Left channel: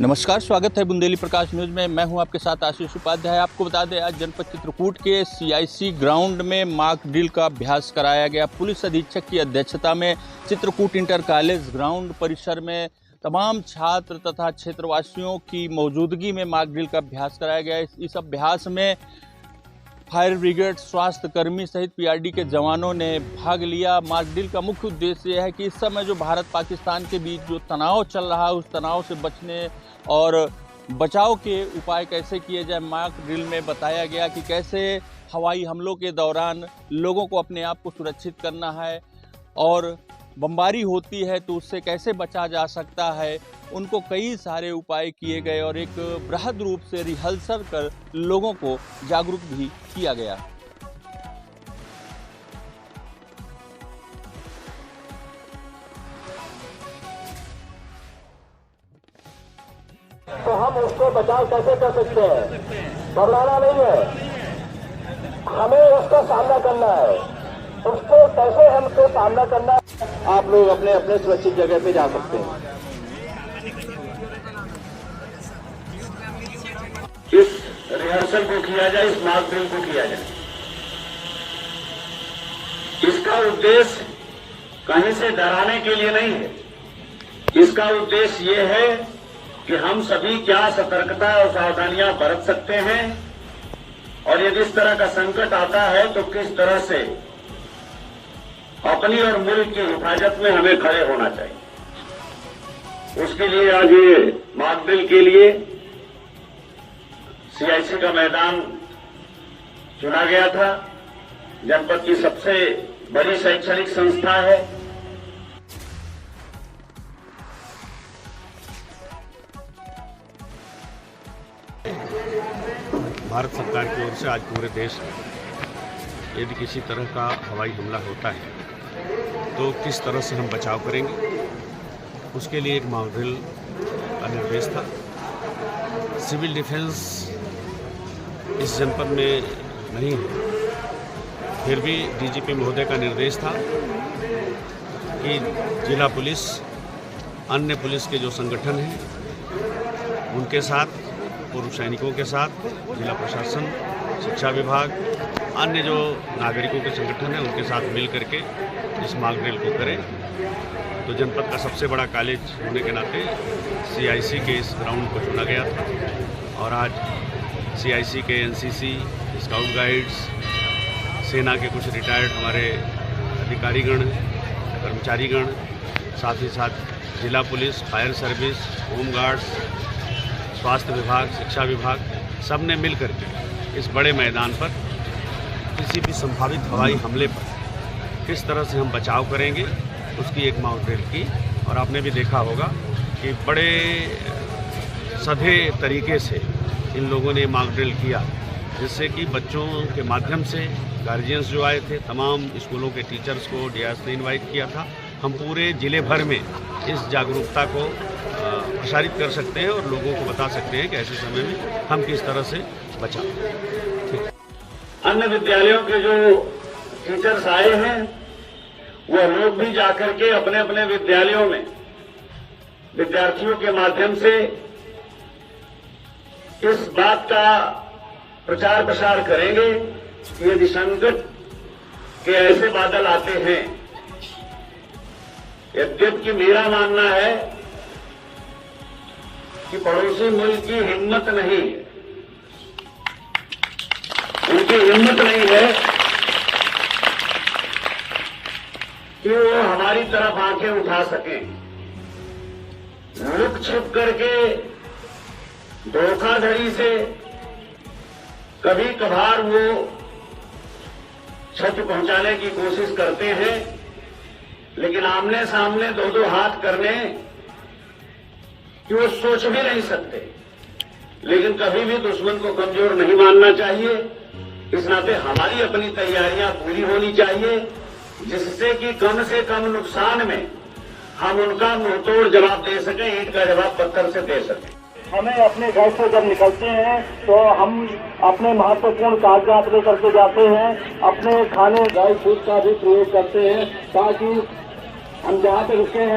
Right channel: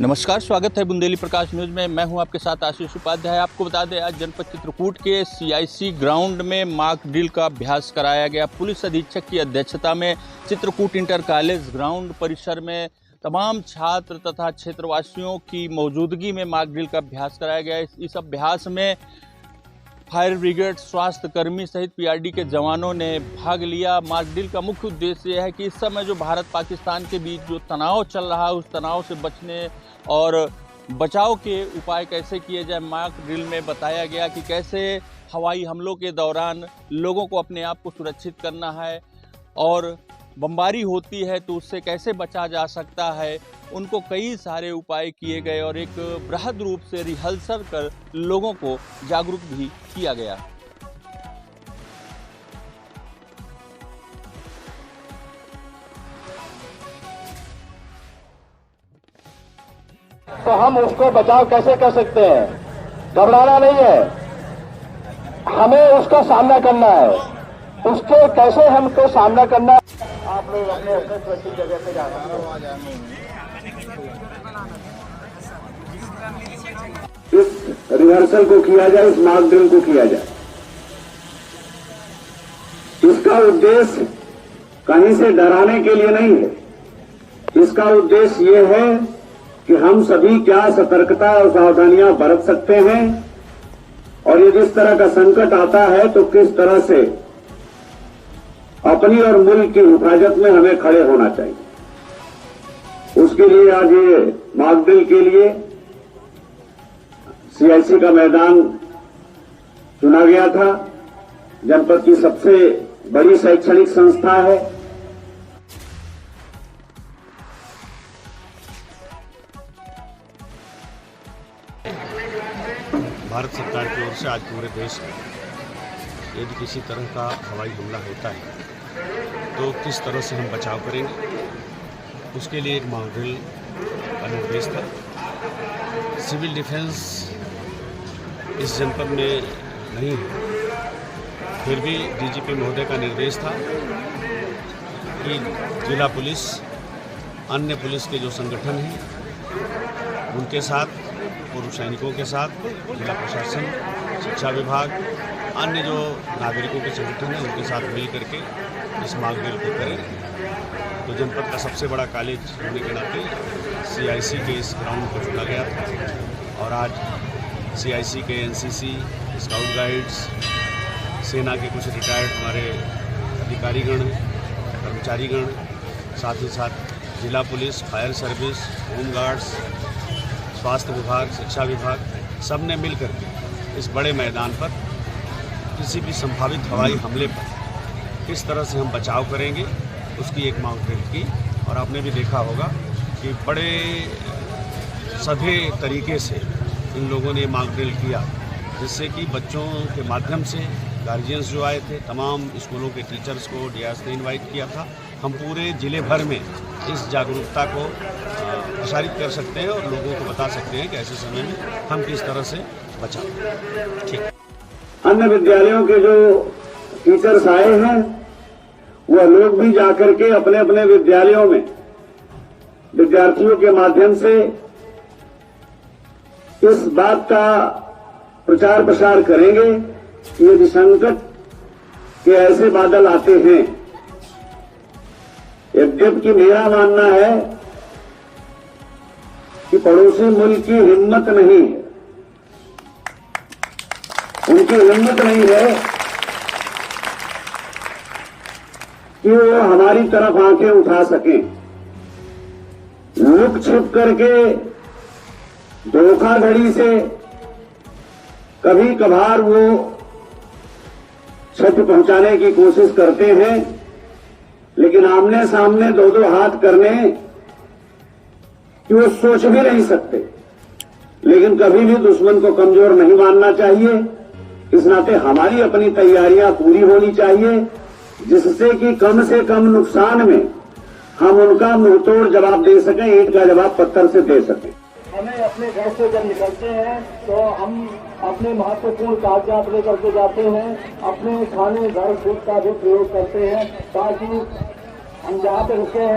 नमस्कार, स्वागत है बुंदेली प्रकाश न्यूज में। मैं हूं आपके साथ आशीष उपाध्याय। आपको बता दें, आज जनपद चित्रकूट के CIC ग्राउंड में मॉक ड्रिल का अभ्यास कराया गया। पुलिस अधीक्षक की अध्यक्षता में चित्रकूट इंटर कॉलेज ग्राउंड परिसर में तमाम छात्र तथा क्षेत्रवासियों की मौजूदगी में मॉक ड्रिल का अभ्यास कराया गया। इस अभ्यास में फायर ब्रिगेड, स्वास्थ्य कर्मी सहित PRD के जवानों ने भाग लिया। मॉक ड्रिल का मुख्य उद्देश्य यह है कि इस समय जो भारत पाकिस्तान के बीच जो तनाव चल रहा है, उस तनाव से बचने और बचाव के उपाय कैसे किए जाए। मॉक ड्रिल में बताया गया कि कैसे हवाई हमलों के दौरान लोगों को अपने आप को सुरक्षित करना है और बमबारी होती है तो उससे कैसे बचा जा सकता है। उनको कई सारे उपाय किए गए और एक बृहद रूप से रिहर्सल कर लोगों को जागरूक भी किया गया। तो हम उसको बचाव कैसे कर सकते हैं? घबराना नहीं है, हमें उसका सामना करना है। उसके कैसे हमको सामना करना है, आप लोग अपने अपने सुरक्षित जगह पे जा सकते हैं। इस रिहर्सल को किया जाए, इस मॉक ड्रिल को किया जाए। इसका उद्देश्य कहीं से डराने के लिए नहीं है। इसका उद्देश्य ये है कि हम सभी क्या सतर्कता और सावधानियां बरत सकते हैं और यदि इस तरह का संकट आता है तो किस तरह से अपनी और मुल्क की हिफाजत में हमें खड़े होना चाहिए। उसके लिए आज ये मॉक ड्रिल के लिए CIC का मैदान चुना गया था। जनपद की सबसे बड़ी शैक्षणिक संस्था है। भारत सरकार की ओर से आज पूरे देश में यदि किसी तरह का हवाई हमला होता है तो किस तरह से हम बचाव करेंगे, उसके लिए एक मॉक ड्रिल का निर्देश था। सिविल डिफेंस इस जनपद में नहीं है, फिर भी DGP महोदय का निर्देश था कि जिला पुलिस, अन्य पुलिस के जो संगठन हैं उनके साथ, पूर्व सैनिकों के साथ, जिला प्रशासन, शिक्षा विभाग, अन्य जो नागरिकों के संगठन हैं उनके साथ मिल करके इस मॉक ड्रिल को करें। तो जनपद का सबसे बड़ा कॉलेज होने के नाते CIC के इस ग्राउंड को चुना गया था और आज CIC के NCC, स्काउट गाइड्स, सेना के कुछ रिटायर्ड हमारे अधिकारीगण, कर्मचारीगण, साथ ही साथ जिला police, fire service, home guards, स्वास्थ्य विभाग, शिक्षा विभाग, सब ने मिल करके इस बड़े मैदान पर किसी भी संभावित हवाई हमले पर किस तरह से हम बचाव करेंगे उसकी एक मॉक ड्रिल की। और आपने भी देखा होगा कि बड़े सधे तरीके से इन लोगों ने मॉक ड्रिल किया, जिससे कि बच्चों के माध्यम से गार्जियंस जो आए थे, तमाम स्कूलों के टीचर्स को DIS ने इन्वाइट किया था। हम पूरे जिले भर में इस जागरूकता को प्रसारित कर सकते हैं और लोगों को बता सकते हैं कि ऐसे समय में हम किस तरह से बचाव। ठीक। अन्य विद्यालयों के जो टीचर्स आए हैं वह लोग भी जाकर के अपने अपने विद्यालयों में विद्यार्थियों के माध्यम से इस बात का प्रचार प्रसार करेंगे कि यदि संकट के ऐसे बादल आते हैं, यद्यपि मेरा मानना है कि पड़ोसी मुल्क की हिम्मत नहीं है, उनकी हिम्मत नहीं है कि वो हमारी तरफ आंखें उठा सकें। लुक छिप करके धोखाधड़ी से कभी कभार वो क्षति पहुंचाने की कोशिश करते हैं, लेकिन आमने सामने दो दो हाथ करने कि वो सोच भी नहीं सकते। लेकिन कभी भी दुश्मन को कमजोर नहीं मानना चाहिए। इस नाते हमारी अपनी तैयारियां पूरी होनी चाहिए, जिससे कि कम से कम नुकसान में हम उनका मुंहतोड़ जवाब दे सकें, ईंट का जवाब पत्थर से दे सकें। हमें अपने घर से जब निकलते हैं तो हम अपने महत्वपूर्ण कागजात लेकर के जाते हैं, अपने खाने ड्राई फ्रूट का भी प्रयोग करते हैं ताकि हम जहाँ पे रुके हैं